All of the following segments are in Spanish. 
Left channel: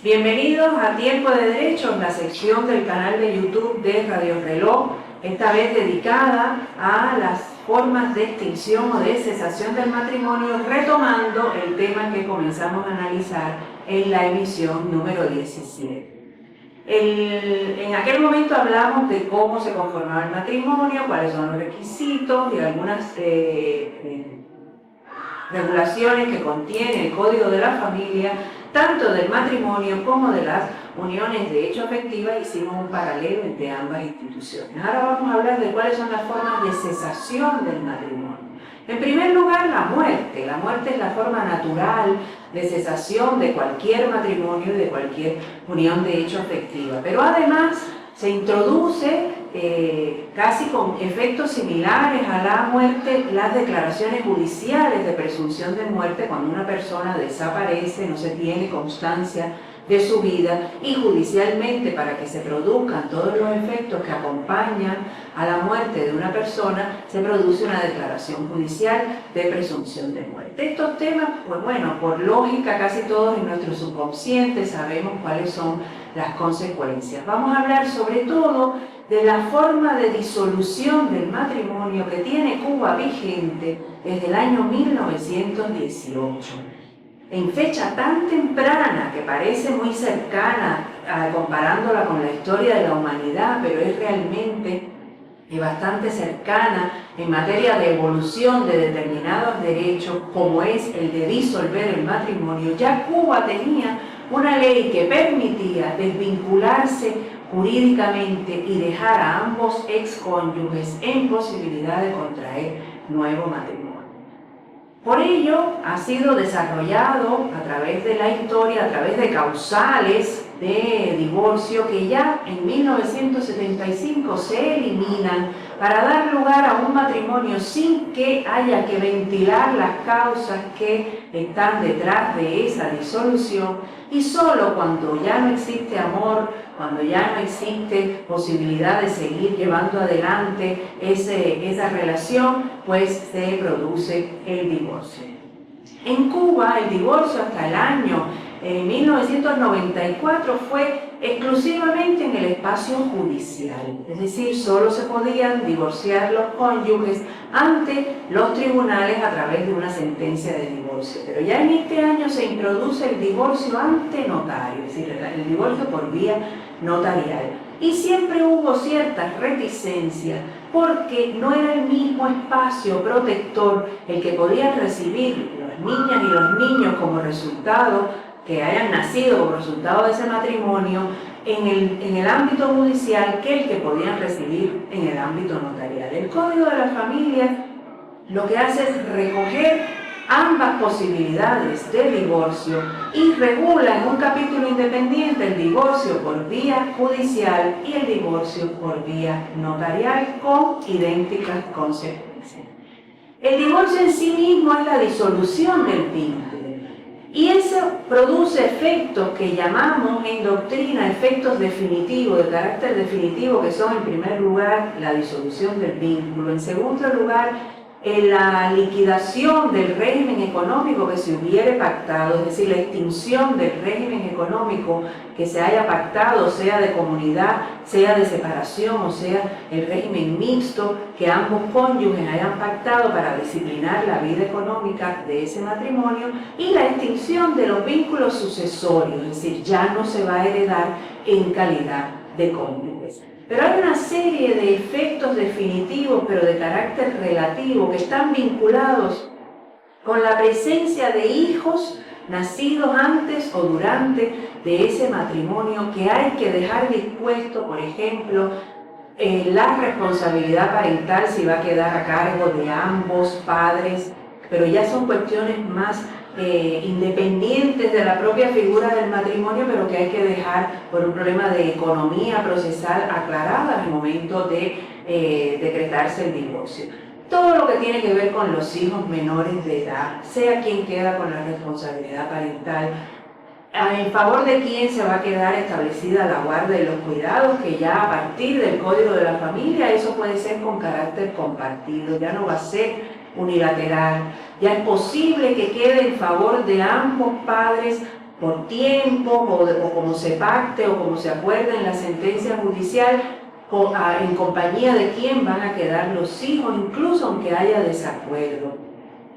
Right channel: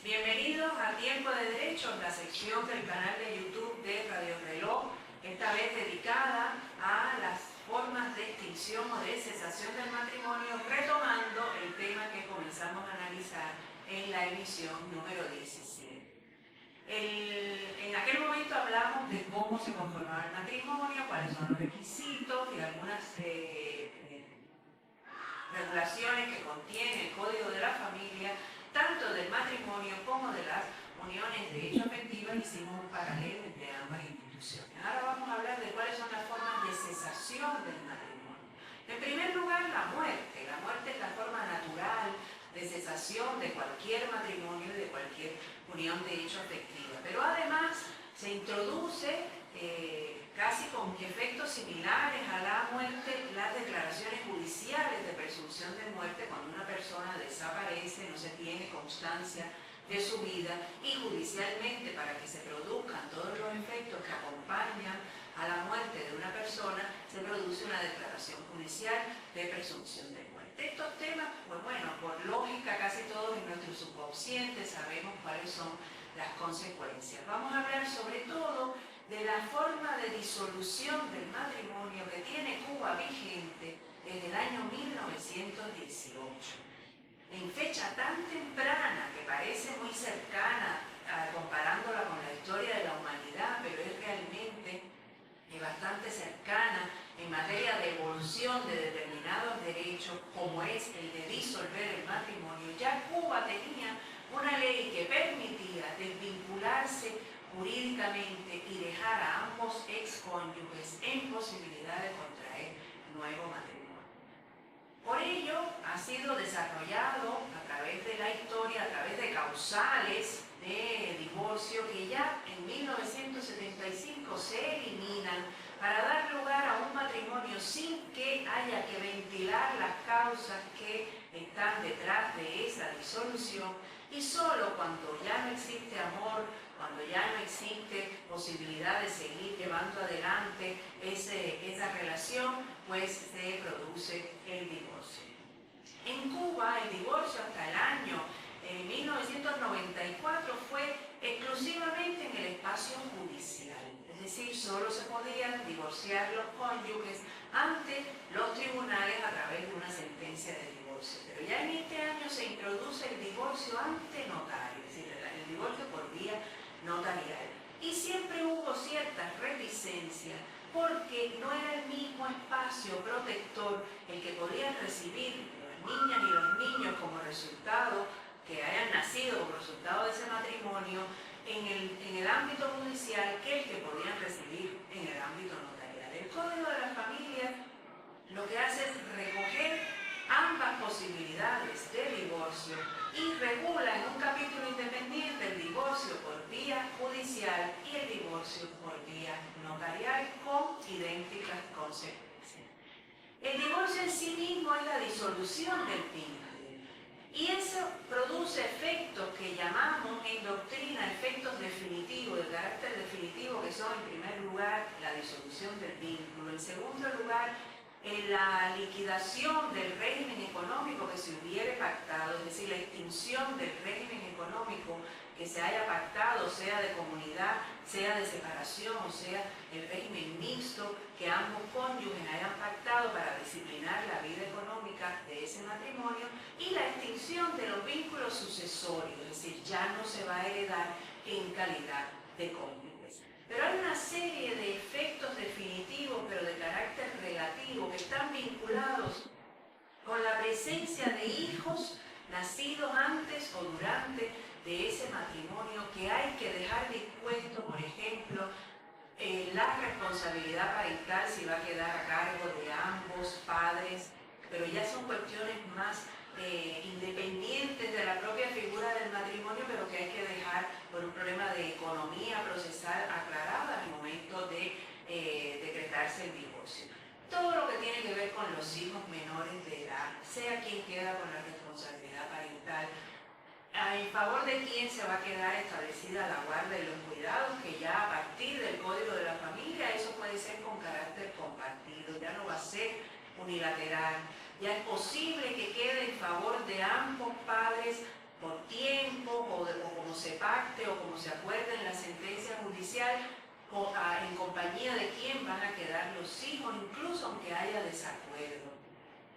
Bienvenidos a Tiempo de Derechos, la sección del canal de YouTube de Radio Reloj, esta vez dedicada a las formas de extinción o de cesación del matrimonio, retomando el tema que comenzamos a analizar en la emisión número 17. En aquel momento hablamos de cómo se conformaba el matrimonio, cuáles son los requisitos y algunas regulaciones que contiene el Código de la Familia, tanto del matrimonio como de las uniones de hecho afectivas. Hicimos un paralelo entre ambas instituciones. Ahora vamos a hablar de cuáles son las formas de cesación del matrimonio. En primer lugar, la muerte. La muerte es la forma natural de cesación de cualquier matrimonio y de cualquier unión de hecho afectiva. Pero además se introduce casi con efectos similares a la muerte las declaraciones judiciales de presunción de muerte cuando una persona desaparece, no se tiene constancia de su vida, y judicialmente, para que se produzcan todos los efectos que acompañan a la muerte de una persona, se produce una declaración judicial de presunción de muerte. Estos temas, pues bueno, por lógica casi todos en nuestro subconsciente sabemos cuáles son las consecuencias. Vamos a hablar sobre todo de la forma de disolución del matrimonio que tiene Cuba vigente desde el año 1918. En fecha tan temprana que parece muy cercana comparándola con la historia de la humanidad, pero es realmente bastante cercana en materia de evolución de determinados derechos, como es el de disolver el matrimonio. Ya Cuba tenía una ley que permitía desvincularse jurídicamente y dejar a ambos excónyuges en posibilidad de contraer nuevo matrimonio. Por ello, ha sido desarrollado a través de la historia, a través de causales de divorcio que ya en 1975 se eliminan para dar lugar a un matrimonio sin que haya que ventilar las causas que están detrás de esa disolución, y solo cuando ya no existe amor, cuando ya no existe posibilidad de seguir llevando adelante esa relación, pues se produce el divorcio. En Cuba, el divorcio hasta el año 1994 fue exclusivamente en el espacio judicial, es decir, solo se podían divorciar los cónyuges ante los tribunales a través de una sentencia de divorcio. Pero ya en este año se introduce el divorcio ante notario, es decir, el divorcio por vía notarial. Y siempre hubo ciertas reticencias porque no era el mismo espacio protector el que podían recibir las niñas y los niños como resultado, que hayan nacido como resultado de ese matrimonio en el ámbito judicial, que el que podían recibir en el ámbito notarial. El Código de la Familia lo que hace es recoger ambas posibilidades de divorcio y regula en un capítulo independiente el divorcio por vía judicial y el divorcio por vía notarial con idénticas consecuencias. El divorcio en sí mismo es la disolución del vínculo. Y eso produce efectos que llamamos en doctrina efectos definitivos, de carácter definitivo, que son en primer lugar la disolución del vínculo, en segundo lugar la liquidación del régimen económico que se hubiere pactado, es decir, la extinción del régimen económico que se haya pactado, sea de comunidad, sea de separación, o sea el régimen mixto que ambos cónyuges hayan pactado para disciplinar la vida económica de ese matrimonio, y la extinción de los vínculos sucesorios, es decir, ya no se va a heredar en calidad de cónyuges. Pero hay una serie de efectos definitivos, pero de carácter relativo, que están vinculados con la presencia de hijos nacidos antes o durante de ese matrimonio, que hay que dejar dispuesto, por ejemplo, la responsabilidad parental si va a quedar a cargo de ambos padres, pero ya son cuestiones más independientes de la propia figura del matrimonio, pero que hay que dejar por un problema de economía procesal aclarada al momento de decretarse el divorcio. Todo lo que tiene que ver con los hijos menores de edad, sea quien queda con la responsabilidad parental, en favor de quién se va a quedar establecida la guarda y los cuidados, que ya a partir del Código de la Familia eso puede ser con carácter compartido, ya no va a ser unilateral, ya es posible que quede en favor de ambos padres por tiempo o como se pacte o como se acuerde en la sentencia judicial, en compañía de quién van a quedar los hijos, incluso aunque haya desacuerdo.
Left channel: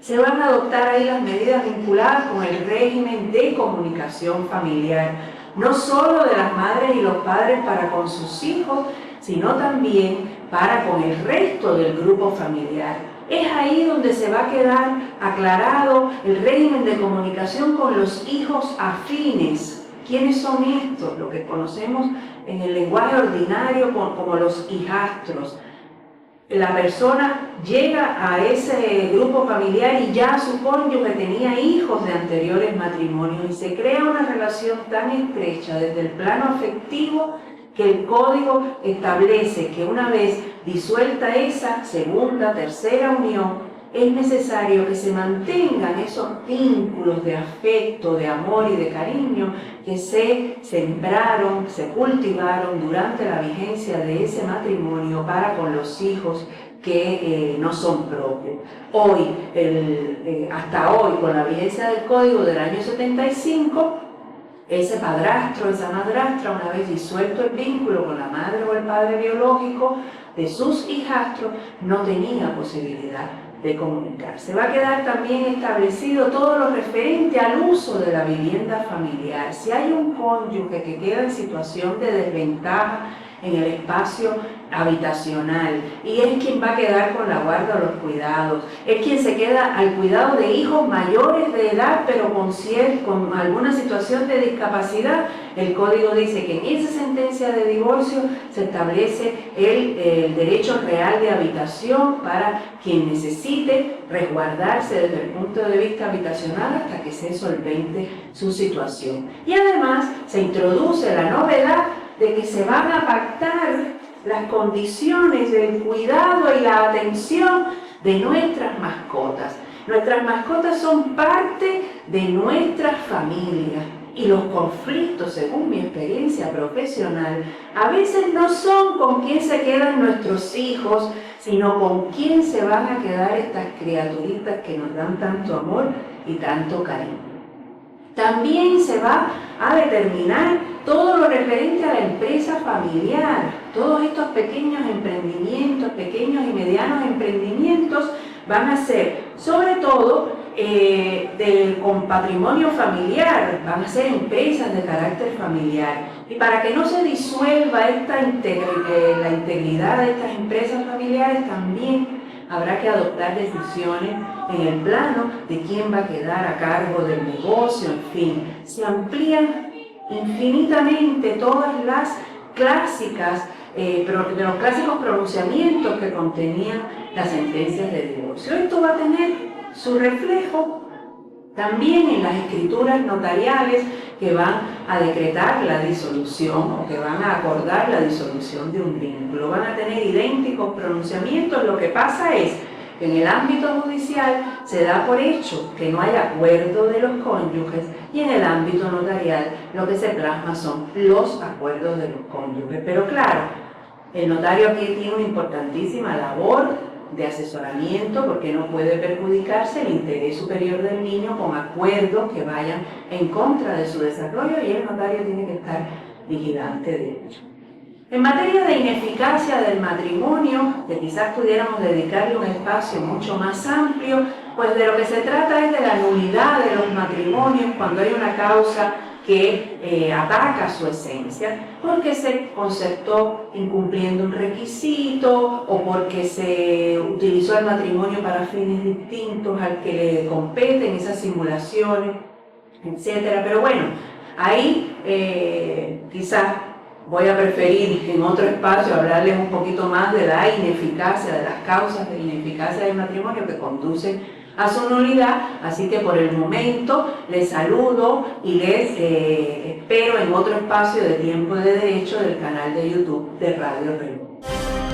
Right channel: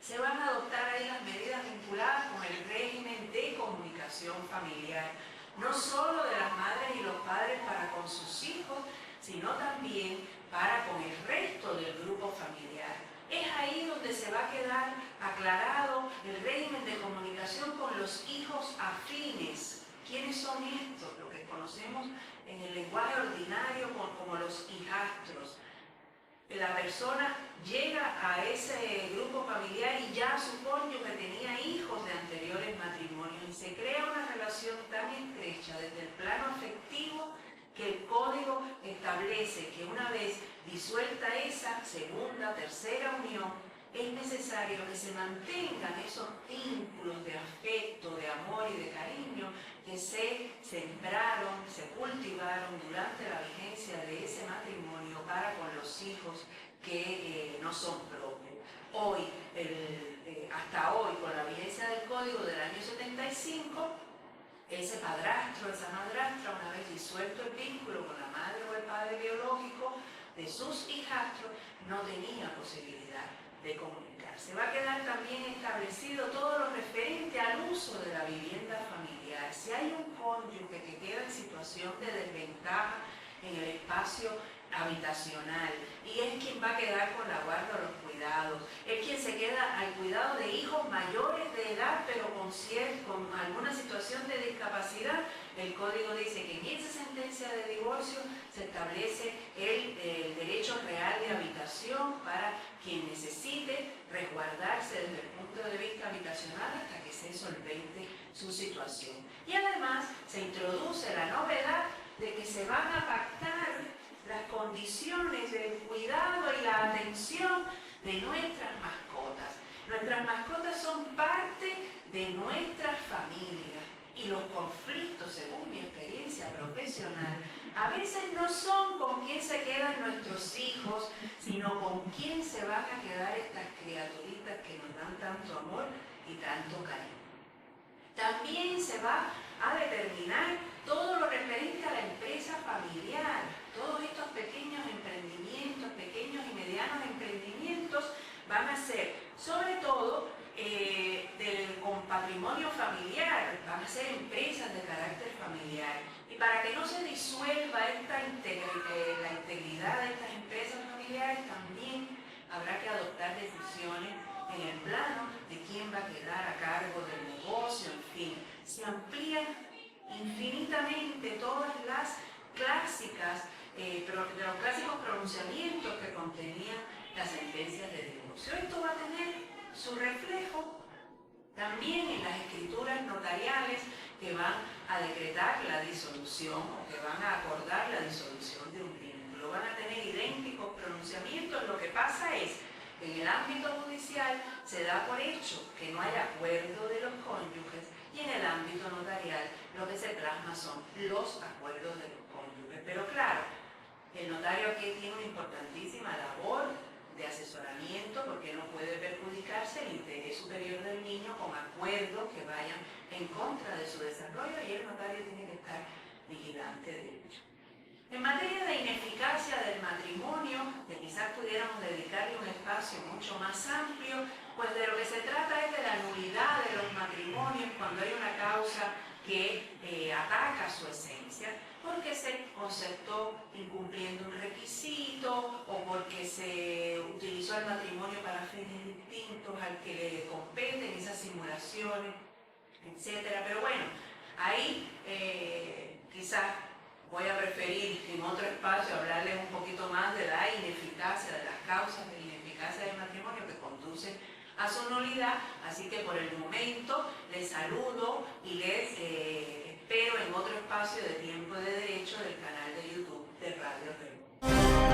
Se van a adoptar ahí las medidas vinculadas con el régimen de comunicación familiar, no solo de las madres y los padres para con sus hijos, sino también para con el resto del grupo familiar. Es ahí donde se va a quedar aclarado el régimen de comunicación con los hijos afines. ¿Quiénes son estos? Lo que conocemos en el lenguaje ordinario como los hijastros. La persona llega a ese grupo familiar y ya su cónyuge tenía hijos de anteriores matrimonios y se crea una relación tan estrecha desde el plano afectivo que el código establece que una vez disuelta esa segunda, tercera unión, es necesario que se mantengan esos vínculos de afecto, de amor y de cariño que se sembraron, se cultivaron durante la vigencia de ese matrimonio para con los hijos que no son propios. Hoy, hasta hoy, con la vigencia del Código del año 75, ese padrastro, esa madrastra, una vez disuelto el vínculo con la madre o el padre biológico de sus hijastros, no tenía posibilidad de comunicarse. Va a quedar también establecido todo lo referente al uso de la vivienda familiar. Si hay un cónyuge que queda en situación de desventaja en el espacio habitacional y es quien va a quedar con la guarda o los cuidados, es quien se queda al cuidado de hijos mayores de edad pero con alguna situación de discapacidad, el código dice que en esa sentencia de divorcio se establece el derecho real de habitación para quien necesite resguardarse desde el punto de vista habitacional hasta que se solvente su situación. Y además se introduce la novedad de que se van a pactar las condiciones del cuidado y la atención de nuestras mascotas. Nuestras mascotas son parte de nuestra familia y los conflictos, según mi experiencia profesional, a veces no son con quién se quedan nuestros hijos, sino con quién se van a quedar estas criaturitas que nos dan tanto amor y tanto cariño. También se va a determinar todo lo referente a la empresa familiar. Todos estos pequeños emprendimientos, pequeños y medianos emprendimientos van a ser, sobre todo, con patrimonio familiar, van a ser empresas de carácter familiar. Y para que no se disuelva la integridad de estas empresas familiares, también habrá que adoptar decisiones en el plano de quién va a quedar a cargo del negocio, en fin. Se amplían infinitamente todas las clásicas, de los clásicos pronunciamientos que contenían las sentencias de divorcio. Esto va a tener su reflejo también en las escrituras notariales que van a decretar la disolución o que van a acordar la disolución de un vínculo. Van a tener idénticos pronunciamientos. Lo que pasa es que en el ámbito judicial se da por hecho que no hay acuerdo de los cónyuges y en el ámbito notarial lo que se plasma son los acuerdos de los cónyuges. Pero claro, el notario aquí tiene una importantísima labor de asesoramiento porque no puede perjudicarse el interés superior del niño con acuerdos que vayan en contra de su desarrollo y el notario tiene que estar vigilante de ello. En materia de ineficacia del matrimonio, que quizás pudiéramos dedicarle un espacio mucho más amplio, pues de lo que se trata es de la nulidad de los matrimonios cuando hay una causa que ataca su esencia, porque se concertó incumpliendo un requisito o porque se utilizó el matrimonio para fines distintos al que le competen esas simulaciones, etc. Pero bueno, ahí quizás voy a preferir en otro espacio hablarles un poquito más de la ineficacia, de las causas de ineficacia del matrimonio que conducen a su nulidad, así que por el momento les saludo y les espero en otro espacio de Tiempo de Derecho del canal de YouTube de Radio Reloj.